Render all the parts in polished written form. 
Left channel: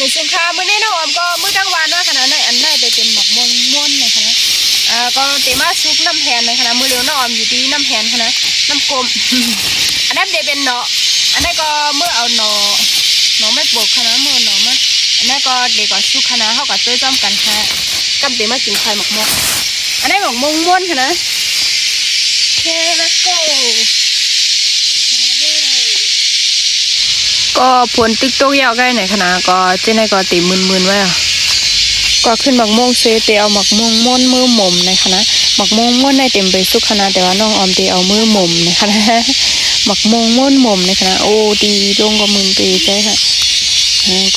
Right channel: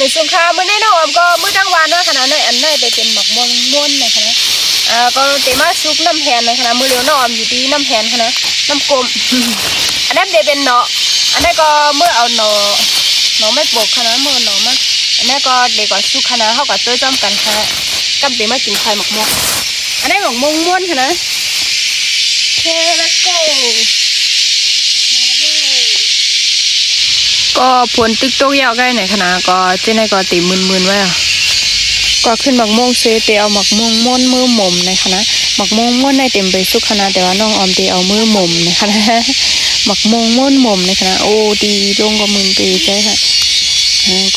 ในสงครามเมื่อในน้องออมก็เมื่อจังหวะนะขณะในอันได้ไปเป็นหมักม่วงม้วนนะคะนะก็เตมาซุกน้ำแหนนะคะนะมือเลี้ยวน้องออมอยู่ที่น้ำแหนค่ะนะน้ำกลมอันนั้นได้เป็นเนาะอันนั้นก็เมื่อเอาเนาะไม่ปกค่ะนะเมื่อเนาะมาอันนั้นก็เด็กก็ซุกค่ะนะเขาก็ตัวจำกันค่ะกับเตมากินไข่หมักม่วงอันนั้นหมักม่วงม้วนค่ะนะโอเคแล้วก็ผลติ๊กต๊อกยาวใกล้ไหนขนาดก็เจ๊ในก็ตีมืนไว้อ่ะก็ขึ้นหมักม่วงเซเตเอาหมักม่วงม้วนมือหม่มในคณะหมักม่วงม้วนในเต็มไปสุกคณะแต่ว่าน้องออมเตเอามือหม่มในคณะหมักม่วงม้วนหม่มในคณะโอ้ดีลงก็มืนไปใช่ค่ะ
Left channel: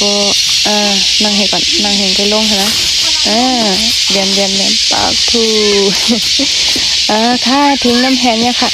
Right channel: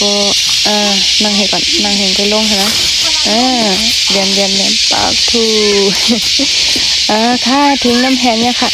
ก็นั่งเห็นก่อนนั่งเห็นก็ลงค่ะนะเวียนปากทูค่ะทิ้งน้ำแพนเนี่ยค่ะ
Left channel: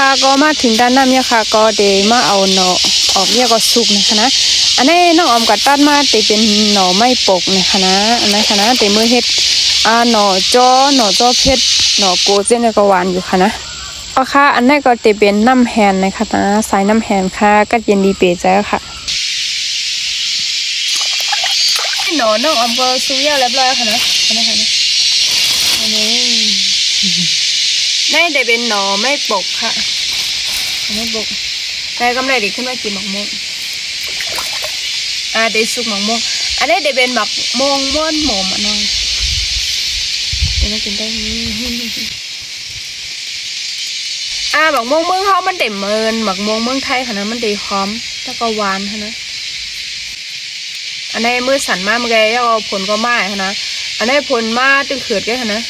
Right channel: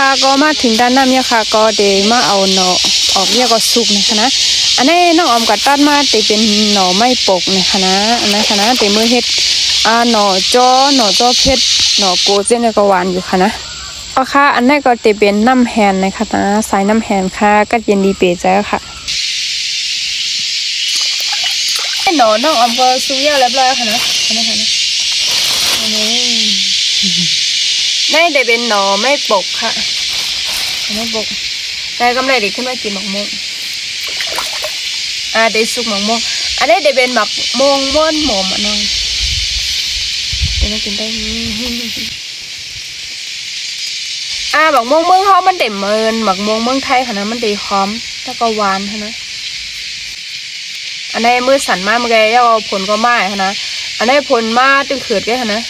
ค่ะก็มาถึงด้านน้ำเนี่ยค่ะก็เดมาเอาหน่อออกเนี่ยก็สุกนะคะนะอันนี้น้องออมกัดตัดมาแต่เป็นหน่อไม่ปกนะคะนะอันนั้นค่ะนะแต่มือเฮ็ดหน่อจ้อเพชรหน่อโกเจนก็หวานอยู่ค่ะนะค่ะอันนี้ก็แต่เป็นน้ำแฮนนะคะนะสายน้ำแฮนค่ะก็เย็นดีเป๋ใจค่ะหน่อน้องออมก็ซุกเยอะเรียบร้อยค่ะนะอันนี้ค่ะนะอันนี้ได้แต่เป็นหน่อไม่ปกค่ะไม่ปกแต่กำไรเด็กขึ้นมากินหมักม่วงได้สุกหมักม่วงอันนี้ได้เป็นหมักม่วงม้วนหม่อมน้องเดี๋ยวมากินได้หมักม่วงเมืองเขามันเด็ดเมินหมักม่วงเมืองไทยค่ะนะมันดีหอมแล้วก็หวานค่ะนะอันนี้มือสั่นมากเมื่อกี้เอาผลก็ไม้ค่ะนะอันนี้ผลมาตึงเขือดแกค่ะนะ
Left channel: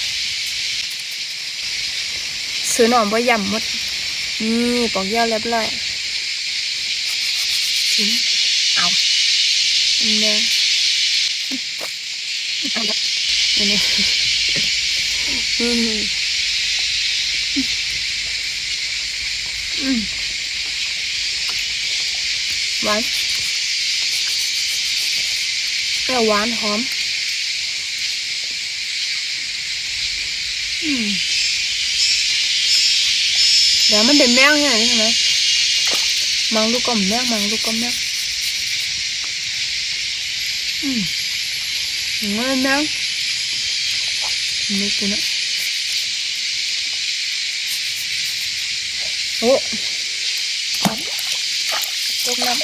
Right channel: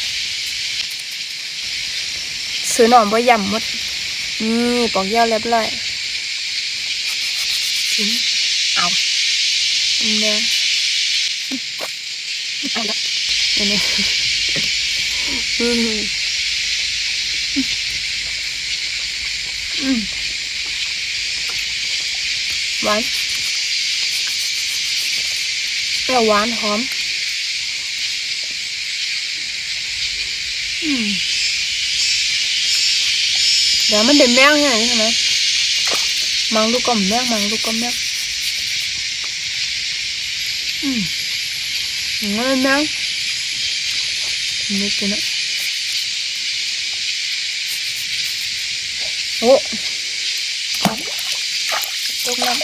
ซื้อหน่อมว่ายำมดนี่ปอกยาวเรียบร้อยเอาเนี่ยนี่หวานแต่หวานหอมเดี๋ยวมันเด็ดแมงไงใช่ไหมมังลูกกลมแมงมันลูกแมงนี่กินนะโอ้ตกน้ำ